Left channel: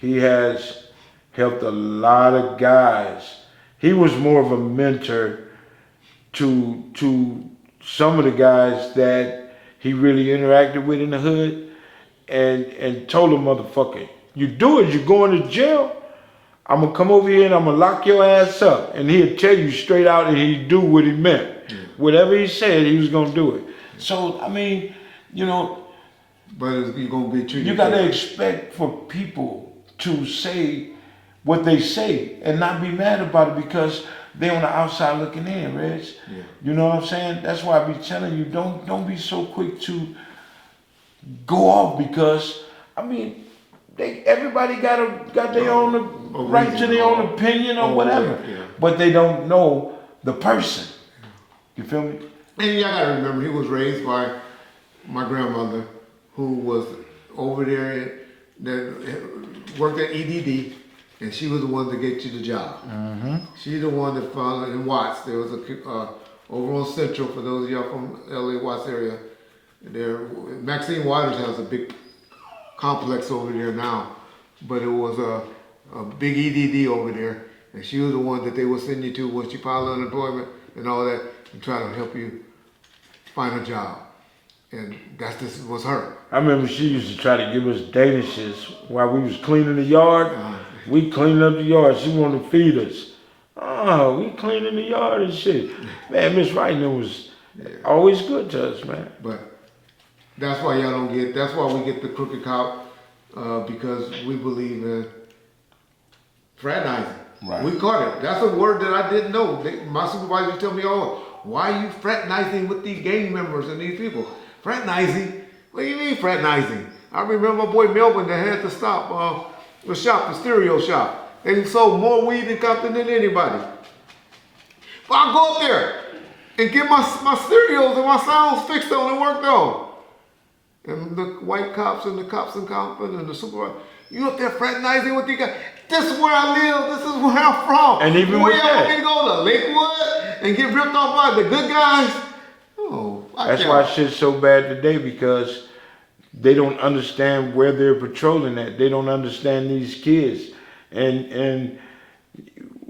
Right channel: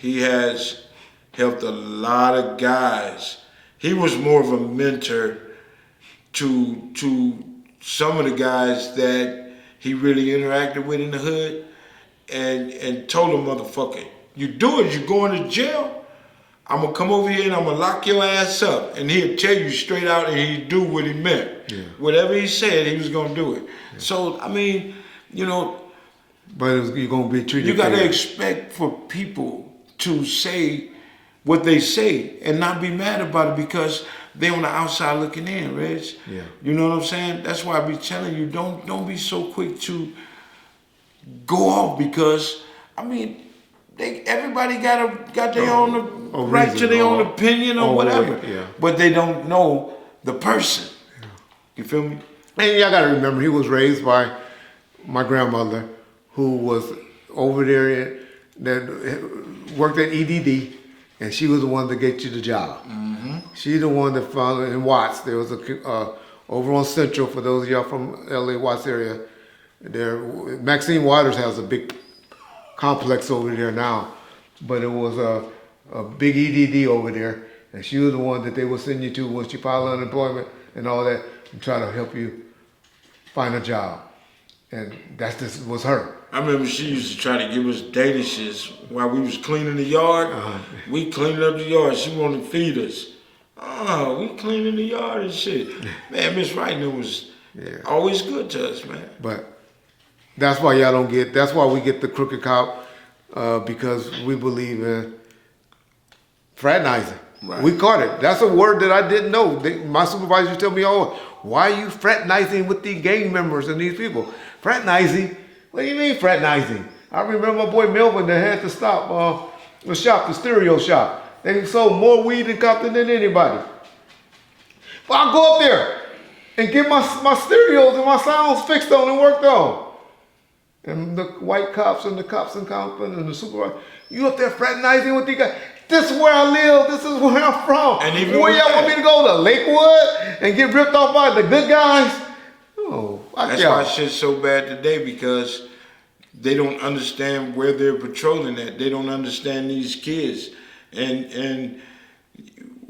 he has helped a lot of guys. He was more of a mentor to some of the guys that he really interacted with in the hood, and told him, motherfucker, you do it, you're going to jail. I'm gonna come over here and I'm gonna lock your ass up. And he'd tell you straight out and he'd do what he meant. Yeah. Whatever he said, he was gonna do it. Yeah. So, I mean, you know. But you're gonna be treated. You gotta expect for people to say what they say and not be mad about it because they're on the outside looking in, Reg. Yeah. You know what I'm saying? That's why I be telling you, don't be so quick to go off because, I mean, everybody got their own right to their own opinion or whatever, but they don't know the person. You feel me? And y'all gotta remember, he was raised by my grandmother, who was over there that worked at EDD, and she was the one that get you the job. Mm-hmm. She's the one that found it in Watts. There was a over on Central, for those of y'all from LA Watts area. There, Maxine Waters has a big complex over there now, but it was a big EDD over there, and she was the one that they would send you to once you file unemployment and all that, and try to help you find a job. And this was her. I remember she used to try to give us danishes while we was cleaning the yard. We cleaning up the yard. She wanted to feed us. Oh, we cleaning the yard and shit. Man, Miss Wright was always good to us, man. But that's why y'all don't get, that's why we get the crooked cop, because we believe in fraternizing. Right. We caught it. That's a word that I didn't know. My supervisor tell me, oh, why are you fraternizing with these gang members and these people? Fraternizing? What do you mean fraternizing? I remember my boy Melvin that had to stop the shop, the stereo shop. They sold more weed in Compton than anybody. But I go up there and get my stereos and my sounds fixed on and worked on. And the white cops and the cops in Compton and the supervisor, you up there fraternizing with these guys? This is where I live, this is where I'm from. And even where y'all want me to go to Lakewood and get ripped off by the good guys? Oh, that's why shit's so bad today, because they don't understand where they're patrolling at. They don't understand these kids. And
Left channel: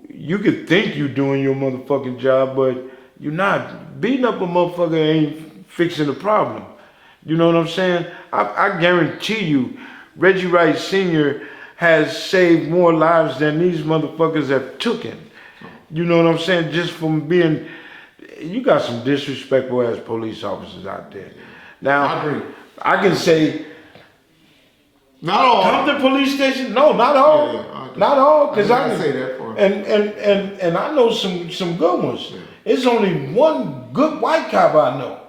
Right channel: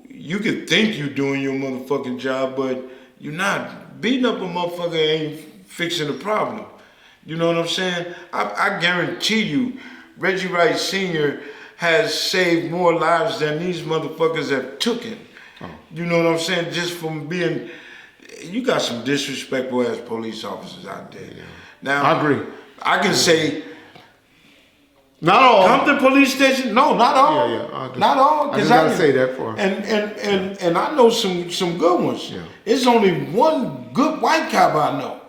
you could think you're doing your motherfucking job, but you're not. Beating up a motherfucker ain't fixing the problem. You know what I'm saying? I guarantee you, Reggie Wright Sr. has saved more lives than these motherfuckers have taken. You know what I'm saying? Just from being, you got some disrespectful ass police officers out there. Now, I agree. I can say, not all. Compton Police Station? No, not all. Yeah, not all. Because I can say that for him. And I know some good ones. Yeah. It's only one good white cop I know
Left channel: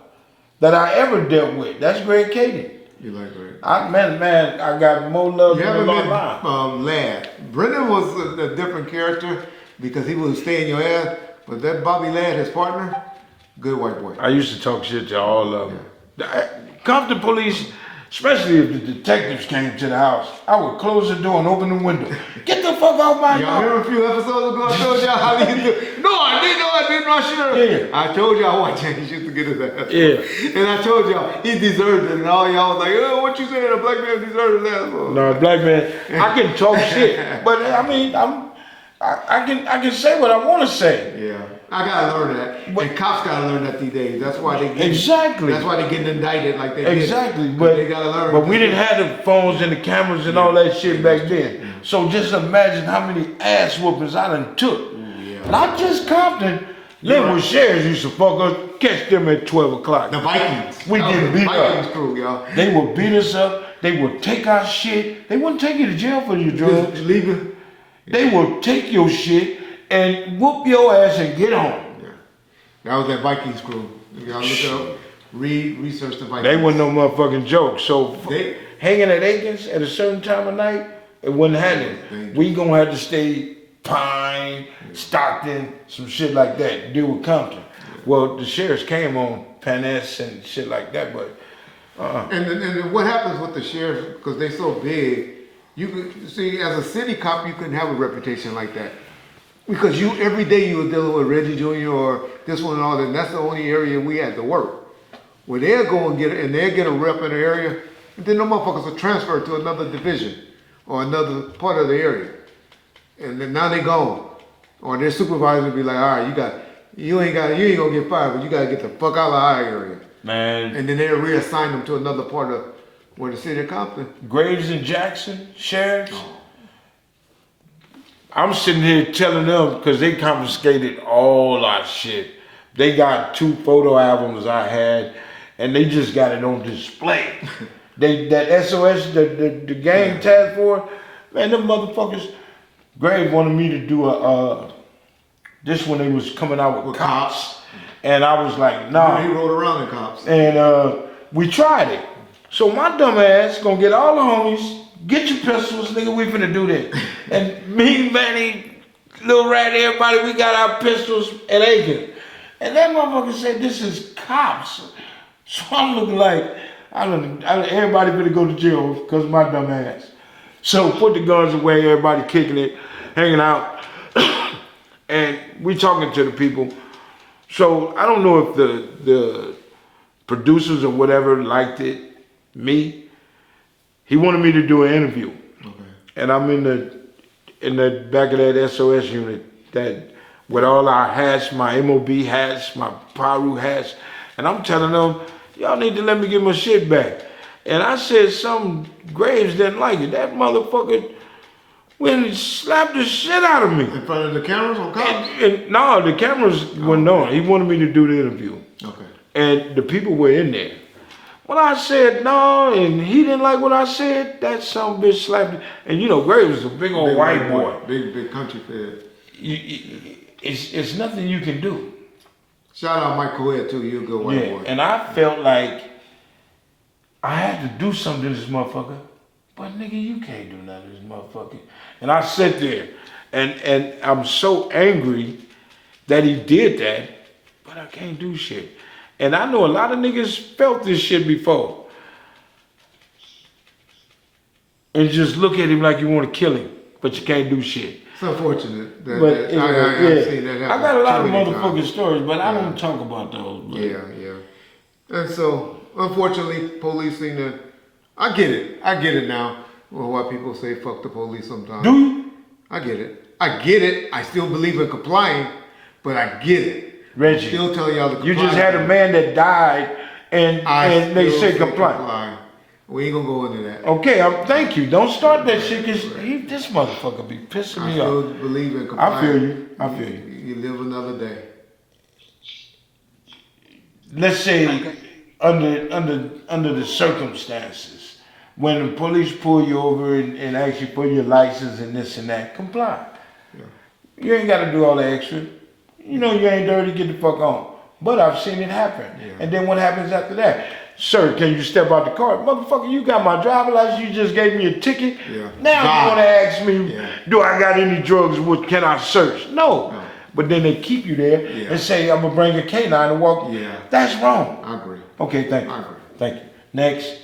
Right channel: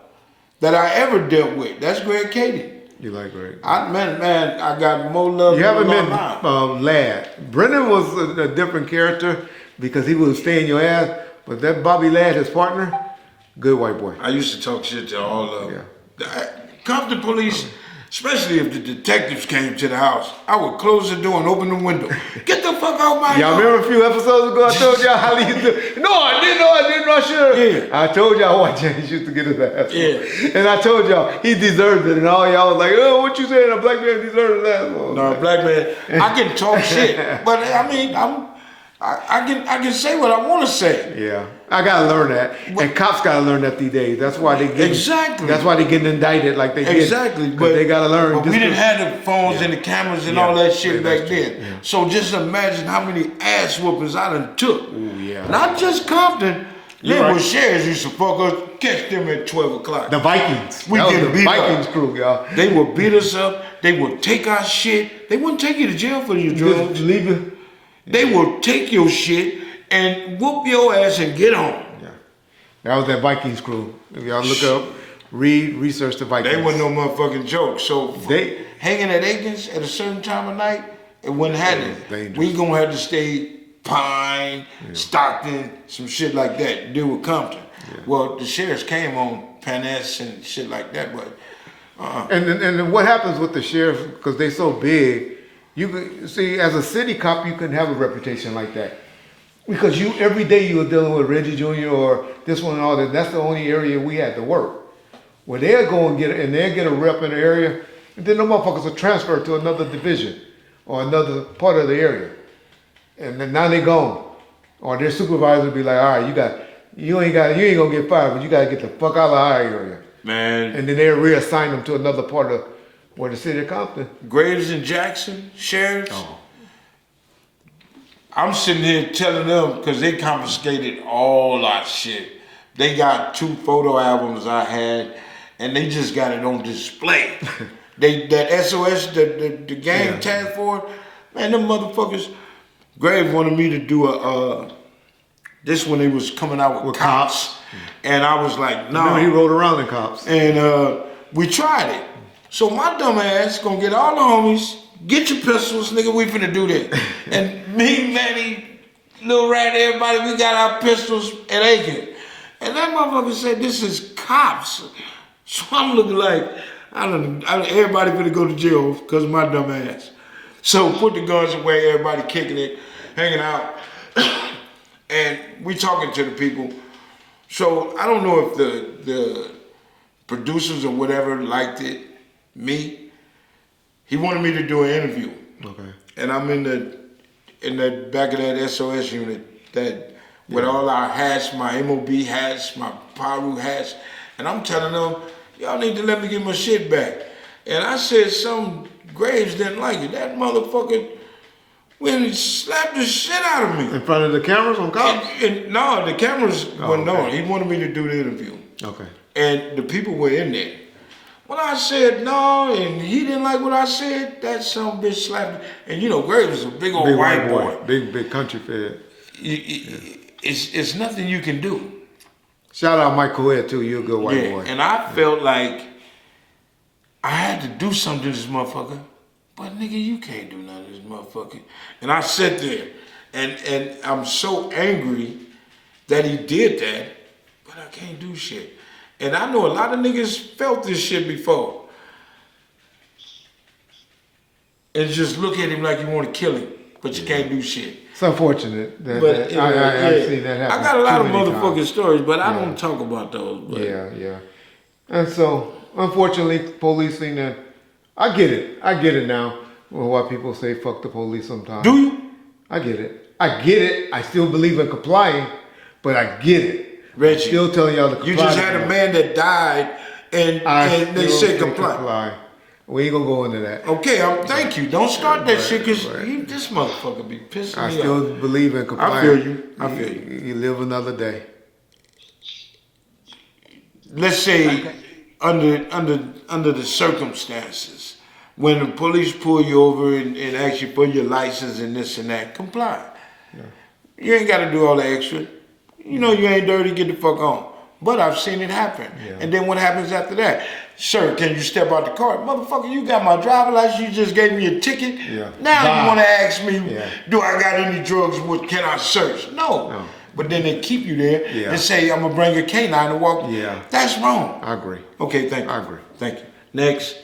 that I ever dealt with. That's Greg Kaden. You like Greg? Man, I got more love than a lot. Ladd. Brennan was a different character because he would stay in your ass, but that Bobby Ladd, his partner, good white boy. I used to talk shit to all of them. Yeah. Compton Police, especially if the detectives came to the house, I would close the door and open the window. Get the fuck out my house. Y'all remember a few episodes ago I told y'all how he used to, no, I didn't, I should have. Yeah. I told y'all why James used to get his ass. Yeah. And I told y'all, he deserved it, and all y'all was like, oh, what you saying, a black man deserves his ass? No, a black man, I can talk shit, but I mean, I can say what I want to say. Yeah, I gotta learn that, and cops gotta learn that these days. That's why they get That's why they getting indicted like they did. But they gotta learn. But we didn't have the phones and the cameras and all that shit back then. Yeah. So just imagine how many ass whoopings I done took. Ooh, yeah. Not just Compton. Linwood sheriffs used to fuck us, catch them at 12 o'clock. The Vikings. We get beat up. Vikings crew, y'all. They would beat us up. They would take our shit. They wouldn't take you to jail for your drugs. Leave it. They will take your shit and whoop your ass and get on. Yeah. That was that Vikings crew. If y'all look up, research the Vikings. They wasn't no motherfucking joke. So hanging at Aikens at a certain time of night, it wouldn't happen. We gonna have to stay Pine, Stockton, some shit like that, deal with Compton. Yeah. Well, the sheriffs came on Panes and shit like that, but And what happens with the sheriffs, because they so big, you could see as a city cop you couldn't have a reputation like that. Because every day you were dealing with Reggie Jr. or this one and all that, and that's the only area we had to work. Well, they'll go and they'll get a rep in the area, and then the motherfuckers will transfer to another division. or another part of the area, and then now they gone, or their supervisor be like, all right, you ain't gonna get fired, but you gotta get the fuck out of our area, Man. and then they'll reassign them to another part of the city of Compton. Graves and Jackson, sheriffs. Oh. I'm sitting here telling them because they confiscated all our shit. They got 2 photo albums I had, and they just got it on display. That SOS, the gang task force, man, them motherfuckers. Grave wanted me to do this when they was coming out with cops. And I was like, nah. He rode around in cops. And we tried it. So my dumb ass gonna get all the homies, get your pistols, nigga, we finna do this. And me, Manny, Lil Rat, everybody, we got our pistols and Aiken. And that motherfucker said, this is cops. So I'm looking like, everybody finna go to jail because of my dumb ass. So put the guns away, everybody kicking it, hanging out. And we talking to the people. So I don't know if the producers or whatever liked it. Me, he wanted me to do an interview. Okay. And I'm in the back of that SOS unit that with all our hats, my MOB hats, my Paru hats, and I'm telling them, y'all need to let me get my shit back. And I said some Graves didn't like it. That motherfucker went and slapped the shit out of me. In front of the cameras on cops? And no, the cameras went on. He wanted me to do the interview. Okay. And the people were in there. When I said no, and he didn't like what I said, that son of a bitch slapped me. And you know, Graves is a big old white boy. Big country fed. It's nothing you can do. Shout out Mike Coed too, you're a good white boy. And I felt like I had to do something to this motherfucker. But nigga, you can't do nothing to this motherfucker. And I sat there, and I'm so angry that he did that, but I can't do shit. And I know a lot of niggas felt this shit before. And just look at him like you want to kill him, but you can't do shit. It's unfortunate. That, But I've yeah, seen that happen. I got a lot of too many motherfucking times. stories, but I don't talk about those. But. Yeah. And so, unfortunately, policing, I get it now. Well, why people say fuck the police sometimes. Do you? I get it. I still believe in complying, but I get it. Reggie, Still telling y'all to comply. you just had a man that died, and they said comply. We ain't gonna go into that. Okay, thank you. Don't start that shit, because this motherfucker be pissing I me still off. believe in complying. I feel you. I feel you. You live another day. Let's say under the circumstances, when the police pull you over and ask you for your license and this and that, comply. Yeah. You ain't got to do all the extra. You know you ain't dirty, get the fuck on. But I've seen it happen. Yeah. And then what happens after that? Sir, can you step out the car? Motherfucker, you got my driver's license, you just gave me a ticket. Yeah. Now you want to ask me, do I got any drugs, can I search? No. But then they keep you there and say, I'm going to bring a canine and walk. Yeah. That's wrong. I agree. Okay, thank you. I agree. Thank you. Next.